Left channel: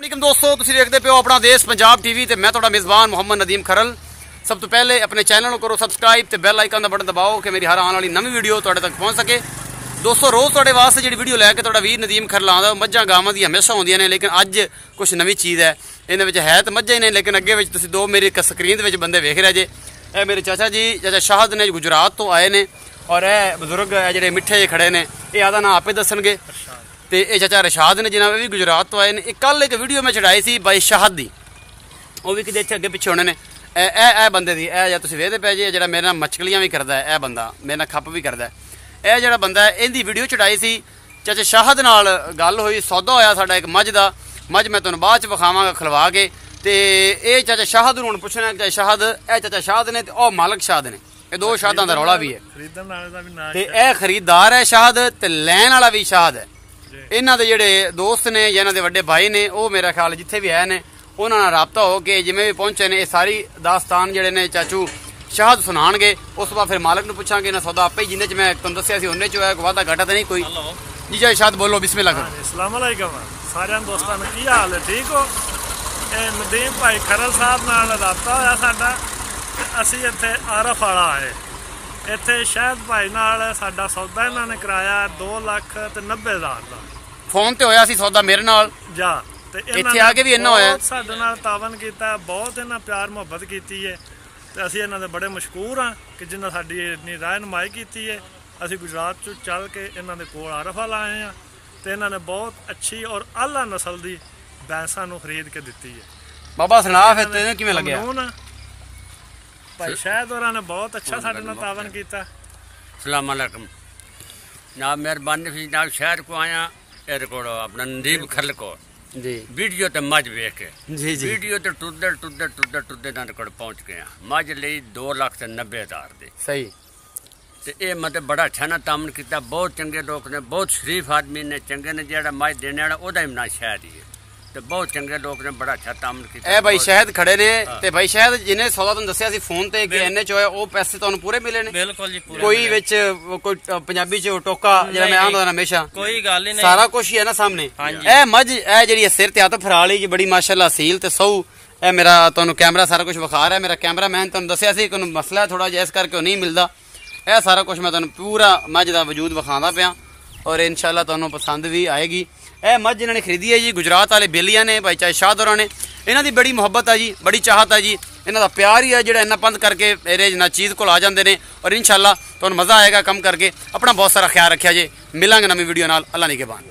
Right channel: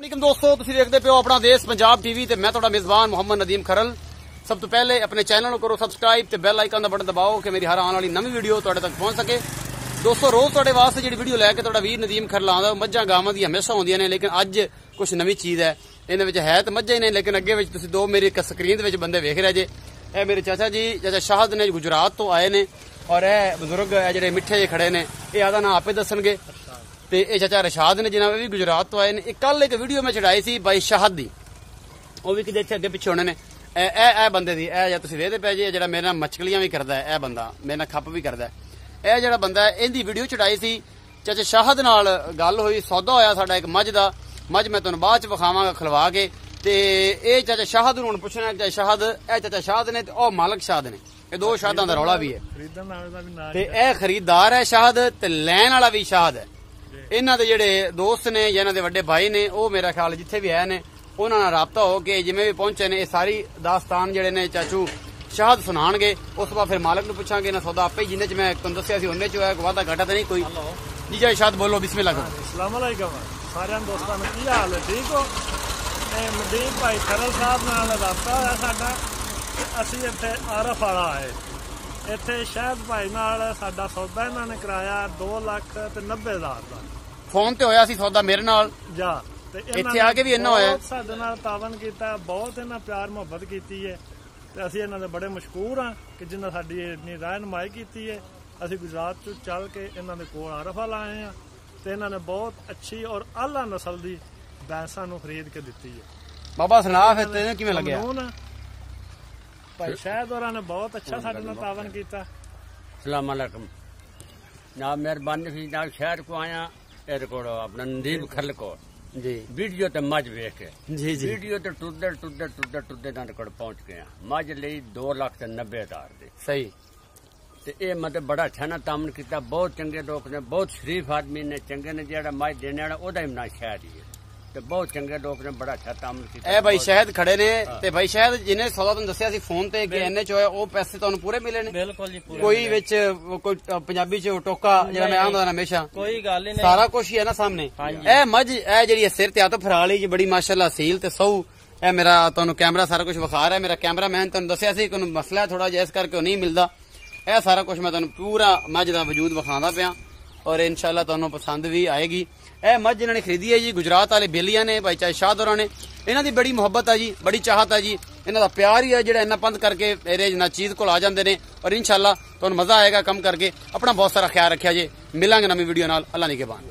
वालेकुम दोस्तों, तुसीं देखदे पियो अपना देश पंजाब टीवी ते मैं तुहाडा मेज़बान मोहम्मद नदीम खरल। सब तो पहले अपने चैनल करो सबसक्राइब ते बैल आइकन दा बटन दबाओ कि मेरी हर आने वाली नवी वीडियो तुहाडे तक पहुंच सके। दोस्तों, रोज़ तुहाडे वास्ते जिहड़ी वीडियो लैके तुहाडा वीर नदीम खरल आंदा मज्झां गावां दी हमेशा होंदियां ने, लेकिन अज कुछ नवी चीज़ है। इहदे विच है तो मज्झां ही ने, लेकिन अगे विच तुसीं दो मेरी स्क्रीन दे विच बंदे वेख रहे जे। ए मेरे चाचा जी, चाचा शाहद ने गुजरात तो आए ने, और ए बजुर्ग जिहड़े मिठे जे खड़े ने, ये आदा नाम आपे दसणगे। ते ये चाचा रशाद ने जिन्हें भी गुजरात तो आए ने। कल एक वीडियो मैं चढ़ाई सी बाई शाहद दी, वो भी किते अगे पिछे होने ने। ए बंदे दी ए तुसीं वेखदे पे जे, जेहड़ा मेरे नाल मछलियां भी करदा है, ए बंदा मेरे नाल खप भी करदा है। ए जेहड़ा बंदा है, इहदी वीडियो चढ़ाई सी। चाचा शाहद नाल गल होई, सौदा होया साडा एक मझ दा। मझ मैं तुहानूं बाद च विखावांगा खलवा के। ते ए चाचा शाहद नूं हुण पुछना चाचा शाहद, ए चाचा शाहद ने ते ओ मालक शाहद ने, ये दो शाहदां दा रौला भी है। ते ए खरीददार है शाहद, ते लैण वाला भी शाहद है। इन्हां दे जिहड़े दोस्त ने या इन्हां दे वड्डे भाई ने, वो मेरा ख्याल जिथे भी है ने उन्हां नाल राबता हो के जिवें भी पहुंचे ने, ये सारी दास्तान जिहड़े ने चाचू शाहद सुनाणगे। उस बाद फिर मालक नूं पुछांगे। इन्हां सौदा आपे जिन्ने च मैं तुहानूं दस्सिया सी उन्ने च होया, कोई वादा घाटा तो नहीं कोई। जी चाचा शाहद बोलो, बिस्मिल्लाह करो। अस्सलाम वालेकुम सारे दोस्तों ने, की हाल है? ठीक हो? नदीम भाई खरल साहब नाल राबता होया साडा, असीं इत्थे आरफ वाला आए। इत्थे शाहद भाई नाल साडा सौदा इन्हां ने कराया 2,90,000 दा। फोन ते होया सी सौदा मेरे नाल जा, ते इत्थे आके भी इन्ना होया। साडे नाल तावन कीता, बहुत इन्हां प्यार मुहब्बत कीती है, ते असीं इन्हां दे बड़े मशकूर हां कि जिन्हां साडी इन्नी रहनुमाई कीती है। असीं गुजरात चों चल के इन्हां दे कोल आरफ वाला आए हां, ते इन्हां ने बहुत अच्छी और आला नस्ल दी भैंसां नूं खरीद के दित्ती है। बाबा सुना फिर तेनूं किवें लग्या? भाई शाहद होरां ने बहुत अच्छा साडे नाल तावन कीता। अस्सलाम वालेकुम। जनाब मेहरबानी सी, जनाब शहर को आया एर को अपना नदीम खरल को जी वीडियो ते मझ वेख के जी जी वीडियो ते टुरदे नाल कोल पहुंच गया। मझ लई 2,90,000 दे। सही। ते ये मतलब बड़ा अच्छा ना तामन किया। बहुत चंगे लोग ने, बहुत शरीफ आदमी ने, चंगे ने। जेड़ा मझ देने वाला ओदा भी ना शहर ही है, ते बहुत चंगे लोग ने, बड़ा अच्छा तामन किया। ए भाई शाहद खड़े ने, ते भाई शाहद जिन्हें सौदा तुहानूं दस्सिया सी फोन ते कि इन्ने च होया, वो पैसे तुहानूं पूरे मिले ने? बिल्कुल जी, पूरे। कोई विच कोई पंजाबी च टोका जेड़ा मैं आंदा हमेशा, कोई गल ही नहीं, सारा कुछ ही है ना सामने। ए मझ ए जेड़ी सिर ते हत्थ फराली जी, बड़ी माशाअल्लाह सील ते सौ। ए मेरा तुहानूं कैमरा सारा कुछ विखा रहा है। मेरा कैमरा मैन तुहानूं दस्सिया सी कोई मसला है थोड़ा जिहा, इस करके नहीं मिलदा। ए सारा कुछ मैं तुहानूं पूरा मझ दा वजूद विखांदा पिया, और इंशाअल्लाह तुहानूं पसंद भी आएगी। ए मझ इन्होंने खरीदी है जी, गुजरात वाले बेलिया ने, भाई चाहे शाहद होरां ने। इन्हां दी बड़ी मुहब्बत है जी, बड़ी चाहत है जी। इन्हां दा प्यार ही है जेड़ा इन्ना पंद करके मेरे ना चीज़ को आ जाते हैं। और इंशाअल्लाह तुहानूं मज़ा आएगा कम करके। अपना बहुत सारा ख्याल रखिया जी। मिलांगे नवी वीडियो नाल। अल्लाह निगहबान।